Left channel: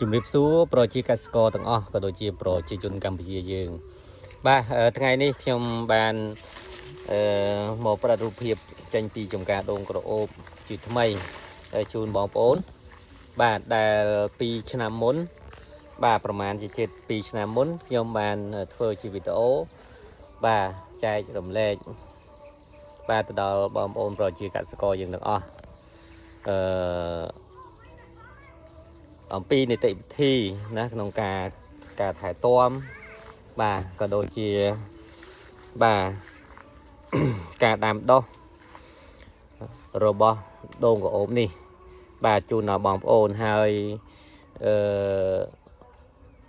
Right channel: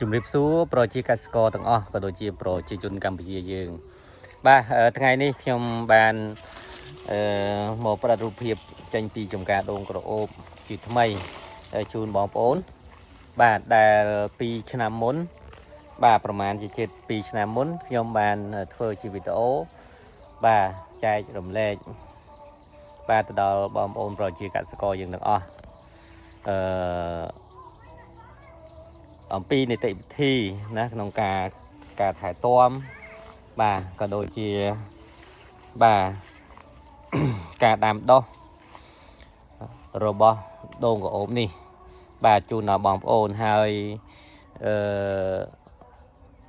ជំរាបសួរប្រជាកសិករទាំងអស់ក៏ដូចជាប្រជាជនកម្ពុជាយើងបាទថ្ងៃនេះខ្ញុំបានមកផ្ដល់រូបភាពចេញពីចំការដូងក្រអូបជាថ្មីជូនបងប្អូនបាទដែល2ឆ្នាំមុនបាទប្រហែលជាជិត2ឆ្នាំមុនខ្ញុំបានធ្វើជាវីដេអូបាទចែករំលែកបាទទៅដល់បងប្អូនប្រជាកសិករយើងទាំងអស់អំពីនីតិវិធីណាក្នុងការថែទាំបាទក៏ដូចជាបាទការដាំដុះរបស់ដូងក្រអូបនេះបាទជូនដល់បងប្អូនហើយ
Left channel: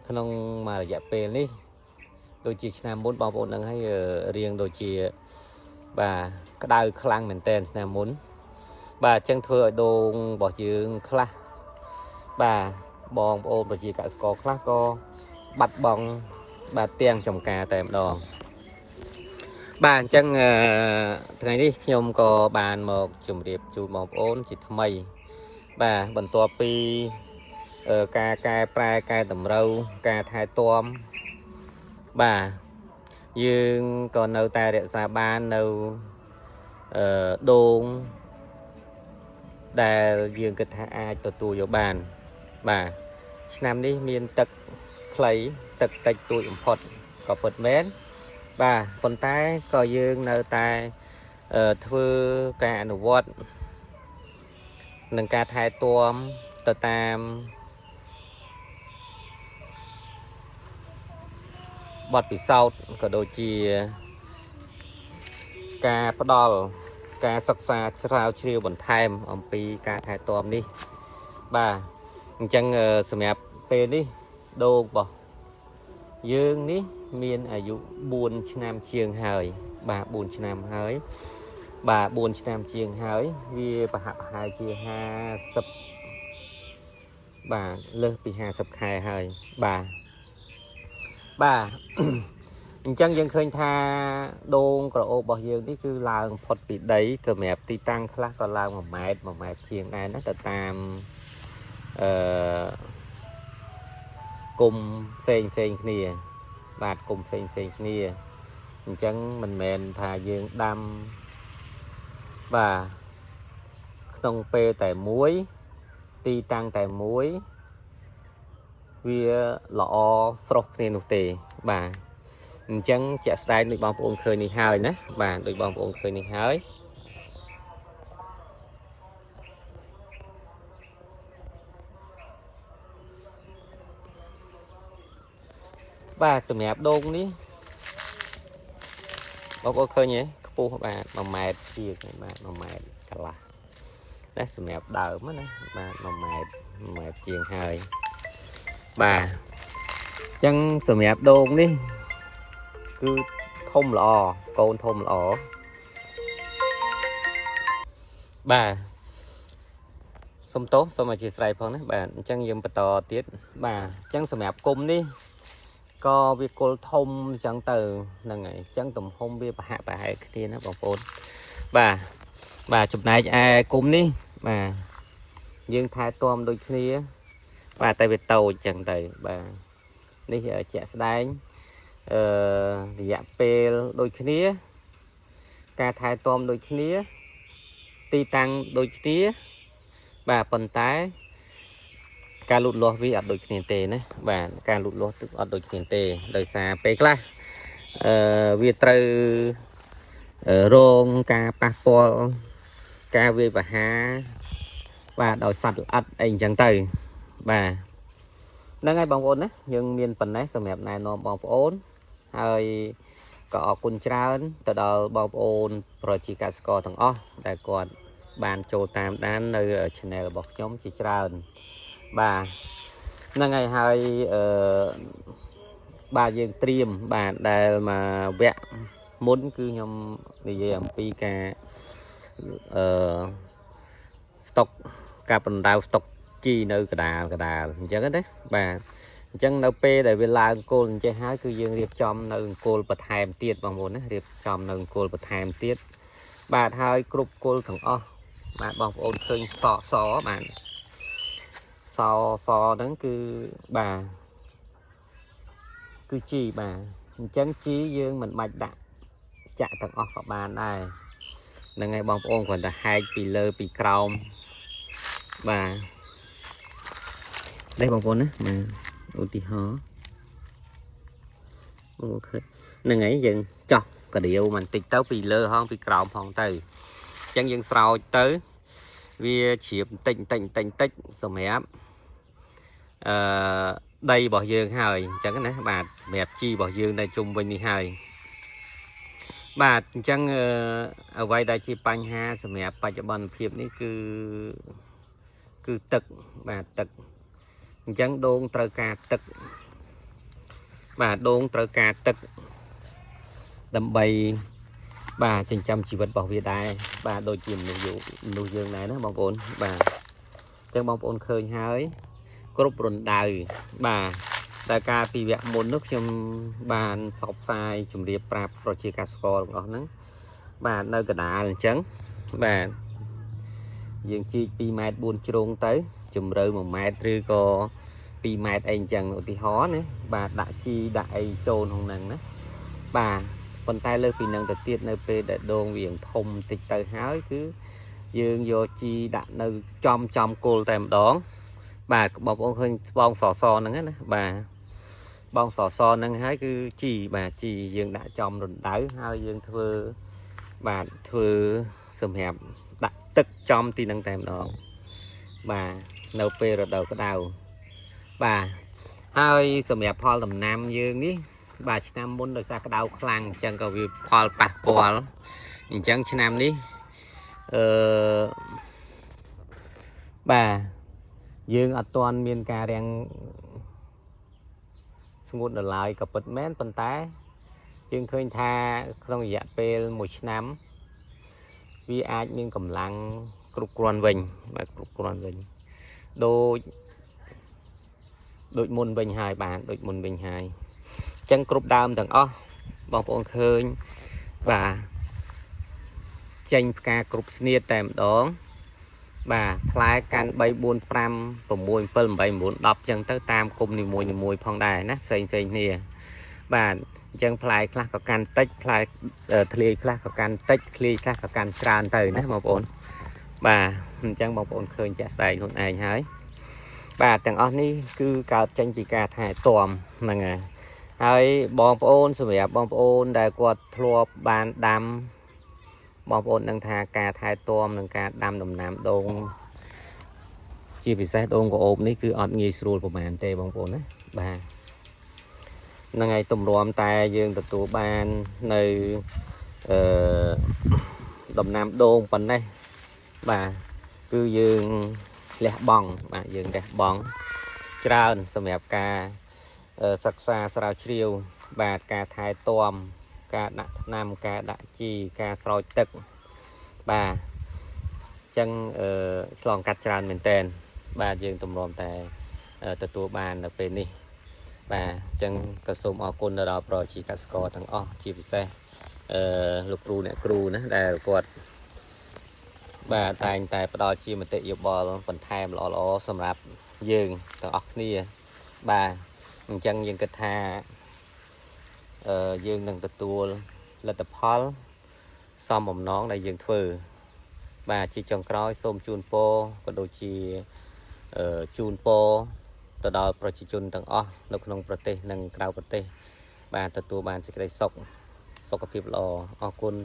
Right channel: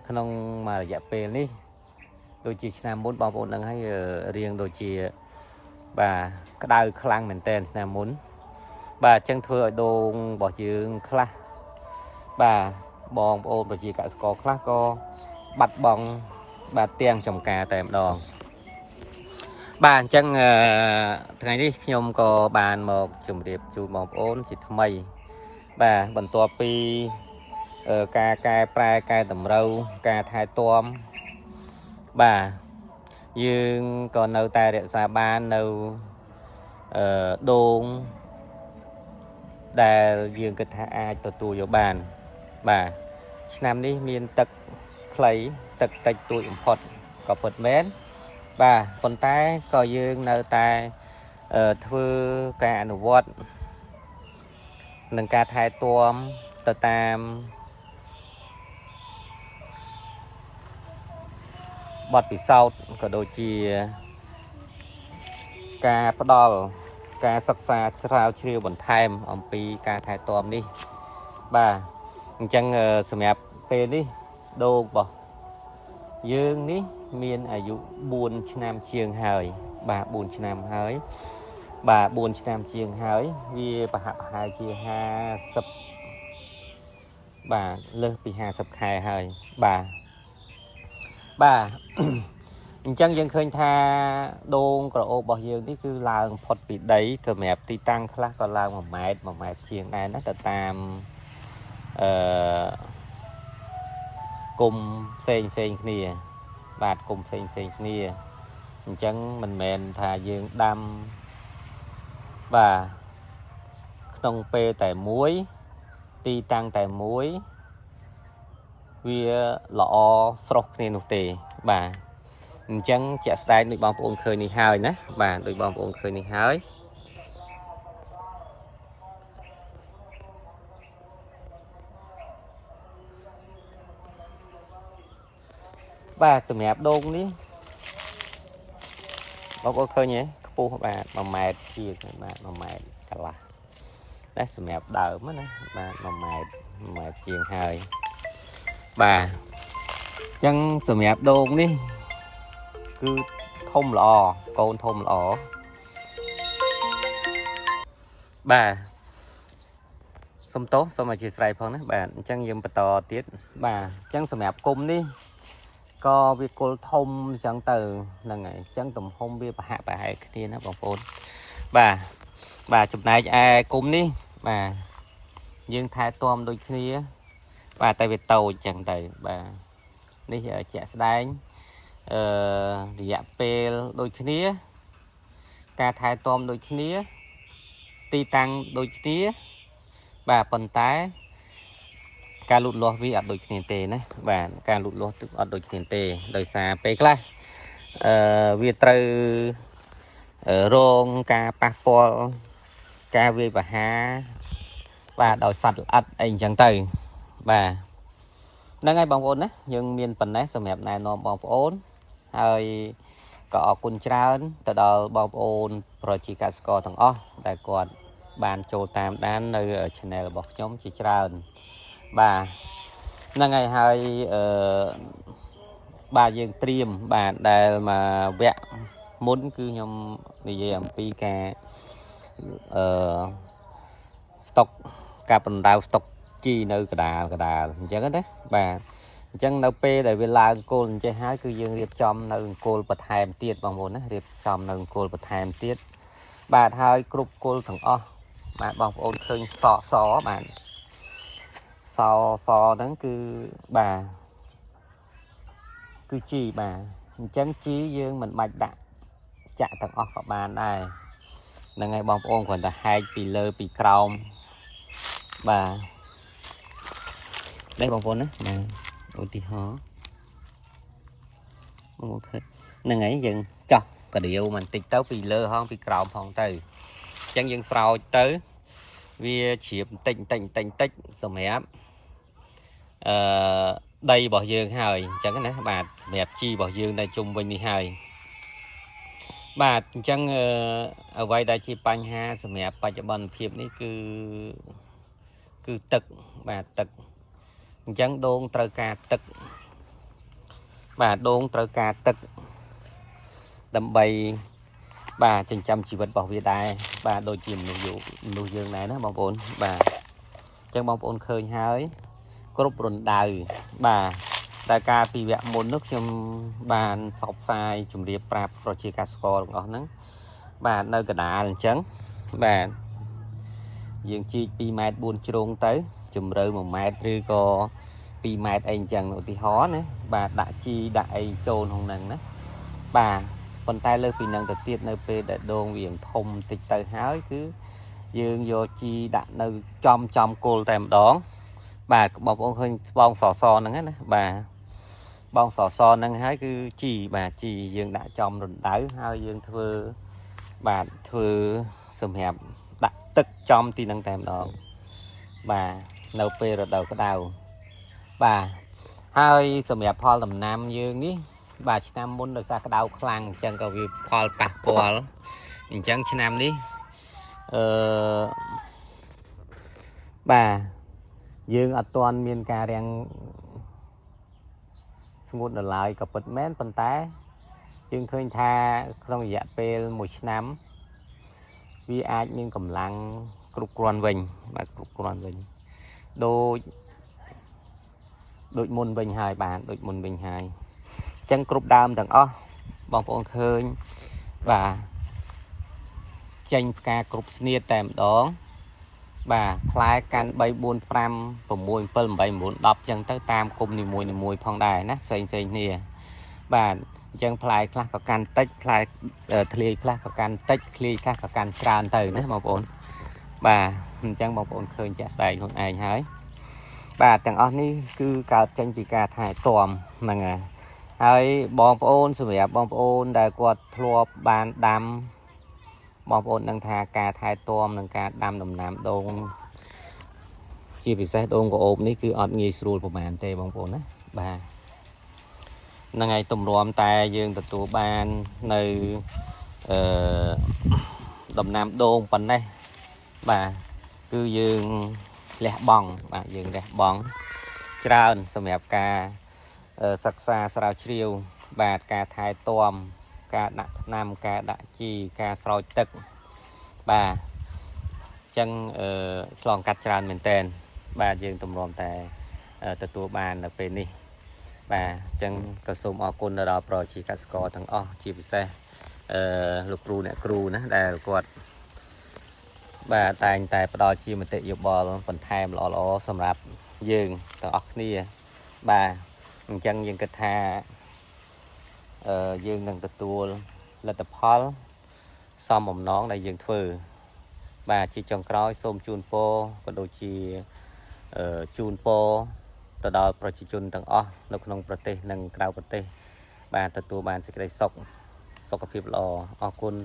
ក្នុងមួយរយៈពេលនេះដូចជាឆ្នាំមុនបងប្អូនដឹងហើយរៀងដូចជាបាទក្តៅខ្លាំងមែនតើឆ្នាំមុនបាទអញ្ចឹងធ្វើឲ្យដូងរបស់យើងខ្លះបាទបងប្អូនប្រជាកសិករខ្លះក៏បាត់បង់បាទទាំងចំការតែម្ដងបាទអញ្ចឹងថ្ងៃនេះខ្ញុំក៏បានមកជម្រាបជូនបងប្អូនជាថ្មីបាទបន្ទាប់ពីការកែប្រែកែតម្រូវការថែទាំបាទយើងក៏នៅតែរក្សាបាននៅដូងដែលយើងគិតថាអាចទទួលយកបានបាទឆ្នាំនេះមានទឹកខ្លីទឹកតិចតួចបំផុតក៏ពិតមែនបាទប៉ុន្តែក៏យើងនៅតែធ្វើការអនុវត្តនឹងការថែទាំទៅតាមបទពិសោធន៍ក៏ដូចជាការផ្ដល់ការសិក្សាស្រាវជ្រាវបន្ថែមអំពីការថែទាំនេះបាទអញ្ចឹងសម្រាប់ពេលនេះដូងរបស់យើងនេះមានអាយុ4ឆ្នាំជាងហើយបាទ4ឆ្នាំហើយបាទ4ឆ្នាំជាងហើយវាប្រហែលជា50បាទលើសពី50ខែហើយបាទអញ្ចឹងយើងឃើញថាដូងក្រអូបរបស់យើងនេះគឺឡើងផុតពីដីសម្រាប់ទីតាំងខ្លះក៏ឡើង1ម៉ែត្រជាងដែរណាទៅតាមគុំផ្សេងគ្នាបាទគុំផ្សេងគ្នាអញ្ចឹងមិនមែនថាយើងដាំបាទក្នុងពេលតែមួយទីតាំងតែមួយវាល្អស្រស់គ្នានោះទេបាទអញ្ចឹងជាក់ស្ដែងដូចបងប្អូនឃើញនេះហើយណាបាទដូចបងប្អូនឃើញនេះហើយបាទសម្រាប់ដូងនេះបងប្អូនឃើញទេខ្ពស់បាទ1ម៉ែត្រជាងបាទ1ម៉ែត្រកន្លះតែសម្រាប់ដើមណាបាទ1ម៉ែត្រជាងហើយបាទអញ្ចឹងសម្រាប់ដូងនេះគឺធំល្អកូនធំល្អបាទសុំទោសសូមអធិស្ឋានផងណាបាទអញ្ចឹងយើងបន្តទៀតបាទអញ្ចឹងសម្រាប់គុំនេះក៏វាគល់ធំអញ្ចឹងទៅហ្នឹងហើយអញ្ចឹងទំហំវាប្រហែលគ្នាណាបងប្អូនបាទចំណែកឯគុំនេះបាទយើងថែទាំដូចគ្នាបាទតែវាតូចអញ្ចឹងទៅបាទនេះជាក់ស្ដែងរយៈពេលដូចគ្នាការថែទាំដូចគ្នាទីតាំងដូចគ្នាបាទប៉ុន្តែការលូតលាស់វាអត់ដូចគ្នាទេណាបាទការលូតលាស់ទឹកអត់ដូចគ្នាទេដោយសារពេលខ្លះវាត្រូវរងការប៉ះពាល់ការវាយប្រហារបាទដោយសត្វល្អិតអីអញ្ចឹងទៅបាទហ្នឹងហើយបងប្អូនណាយើងមានប៉ុណ្ណេះសម្រាប់ណែនាំបងប្អូនហើយក៏អរគុណច្រើនទៅដល់បងប្អូនប្រជាកសិករទាំងអស់ដែលគាត់បានចូលតាមដាននៅ channel របស់ខ្ញុំជាច្រើនបាទហ្នឹងហើយបាទយើងត្រៀមបាទដែលមកវគ្គមុនគឺខ្ញុំនិយាយអំពីការស្តុកការបណ្ដៅស្តុកជីនៅកដាលអញ្ចឹងណាបាទអញ្ចឹងនៅពេលដែលវាឡើងគោលអញ្ចឹងហើយគឺយើងរៀបចំនៅគោលបន្ថែមទៀតបងប្អូនណារៀបចំនៅគោលបន្ថែមទៀតបាទហើយគ្រប់គោលទាំងអស់បាទបងប្អូនឃើញសបាទស sò đó cứ bà cứ chi bà chẳng chi dương mình bạch đặt chạ tầng ốc của bà này là ngày bóng ôn còn là hai pì lơ pì còng bà đây bóng ôn á mà ôn tí hó là ngày dừng cho cái điều mình tịch tấu pì lơ không pì còng không từ chẳng dừng sau tới vì chiếm tịnh tích rồi mẹ đây bỏ dương hơi chẳng cái này bà mẹp chi bỏ dương đây chung bên đi hơi bà chẳng ở đây đây chi bánh ha rồi mẹp bà cho bọn phiệp này cứ tực bà tực chẳng đôn trời ca tực bà đôn trời ca tực đâm bay bà chân trăm chỉ vật bảo vệ đài bà đôi chìm nụ dương này đó bóng ổn bà chân bóng ổn khơi hơi group run đời bà đại ca vì vẹn một nước trong bàn phọc sai chùm điệp prap pro chi casco đó nắng bà nơi cả đá trắng bà dương chi pi mét buôn trôn tới chùm rơi 1 mét rư có pi mét anh chẳng ở thì hó nữa bà đã chi đại trôn không nắng đó bà phần tay lơ pì năng đầu tiên nơi p để đồn viền thông tịch tay hái cứ dương vô chi đã nơi trong cô tèm đón bà bọc ông hơi bong sò nắng hết bà bong sò nắng hái cứ chi bà chi dương đã trong rồi đỡ hai dương thưa bà thưa sầm hẹp đặt tức trong thì năng tèm đó bà nâu p rồi đầu cái đầu bà hai sầm hẹp pho làm nam dương ní bà nam muốn được ra cái đầu khăn chẳng có việc pho bạc pol chẳng nam ní bà dương ở toàn miền cà đang ngôn ở lại cặp bật mến phần té dương khơi tha không dạ pe 1 năm vì ai miền cầm lăng cục quan vinh mà cục quan vinh đội môn bình hài bạn đội môn bình hài chân cục đam thằng ó bóng bóng khơi bà tranh ca cục nia tèm đó bà khai can bay buôn pram của mùi phân bay muốn đọc chân tới tam cùng thì mùi phong đài nát xanh nè bà chân khai khác có can tích khai thề khác có can tích khi khác có can tràn từ nè một ổn bà chân một ổn khơi chặt đầy hôm nay hái bà tầng on đi cứ cao tranh vì cả thải tòm là ngàyហើយបងប្អូនសម្រាប់បងប្អូនដែលគាត់ធ្លាប់បានដាំបងប្អូននឹងថាការថែទាំនិងការដាំដំណាំដូងជាពិសេសដូងក្អូបនេះគឺអត់ងាយស្រួលប្រហែលទេបងប្អូនណាបាទហ្នឹងហើយទម្រាំតែយើងទទួលបាននៅដំណាំដូងប៉ុណ្ណេះបាទគឺយើងលះបង់បាទយើងលះបង់ច្រើនសម្រាប់ការសិក្សាស្រាវជ្រាវបាទការថែទាំការដាក់ថ្នាំការដាក់ជីការស្រោចទឹកបាទចឹងឆ្លងកាត់ច្រើនមែនតើបាទយើងទម្រាំតែទទួលបាននៅពេលនេះបាទចឹងក៏សូមអរគុណដល់ប្រជាកសិករទាំងអស់ជាពិសេសលោកគ្រូអ្នកគ្រូណាដែលគាត់បាទតែងតែផ្ដល់ជាមតិយោបល់បន្ថែមល្អៗសម្រាប់យើងទាំងអស់គ្នាបាទអញ្ចឹងយើងគិតថាយើងនឹងទទួលលទ្ធផលសមបំណងដែលយើងធ្វើបាទជាចុងក្រោយសូមជូនពរក៏ដូចជាជូនពរទៅដល់ប្រជាជនទាំងអស់នៅក្នុងប្រទេសនិងក្រៅប្រទេសបាទទទួលបានសេចក្តីសុខសុខភាពល្អអរគុណ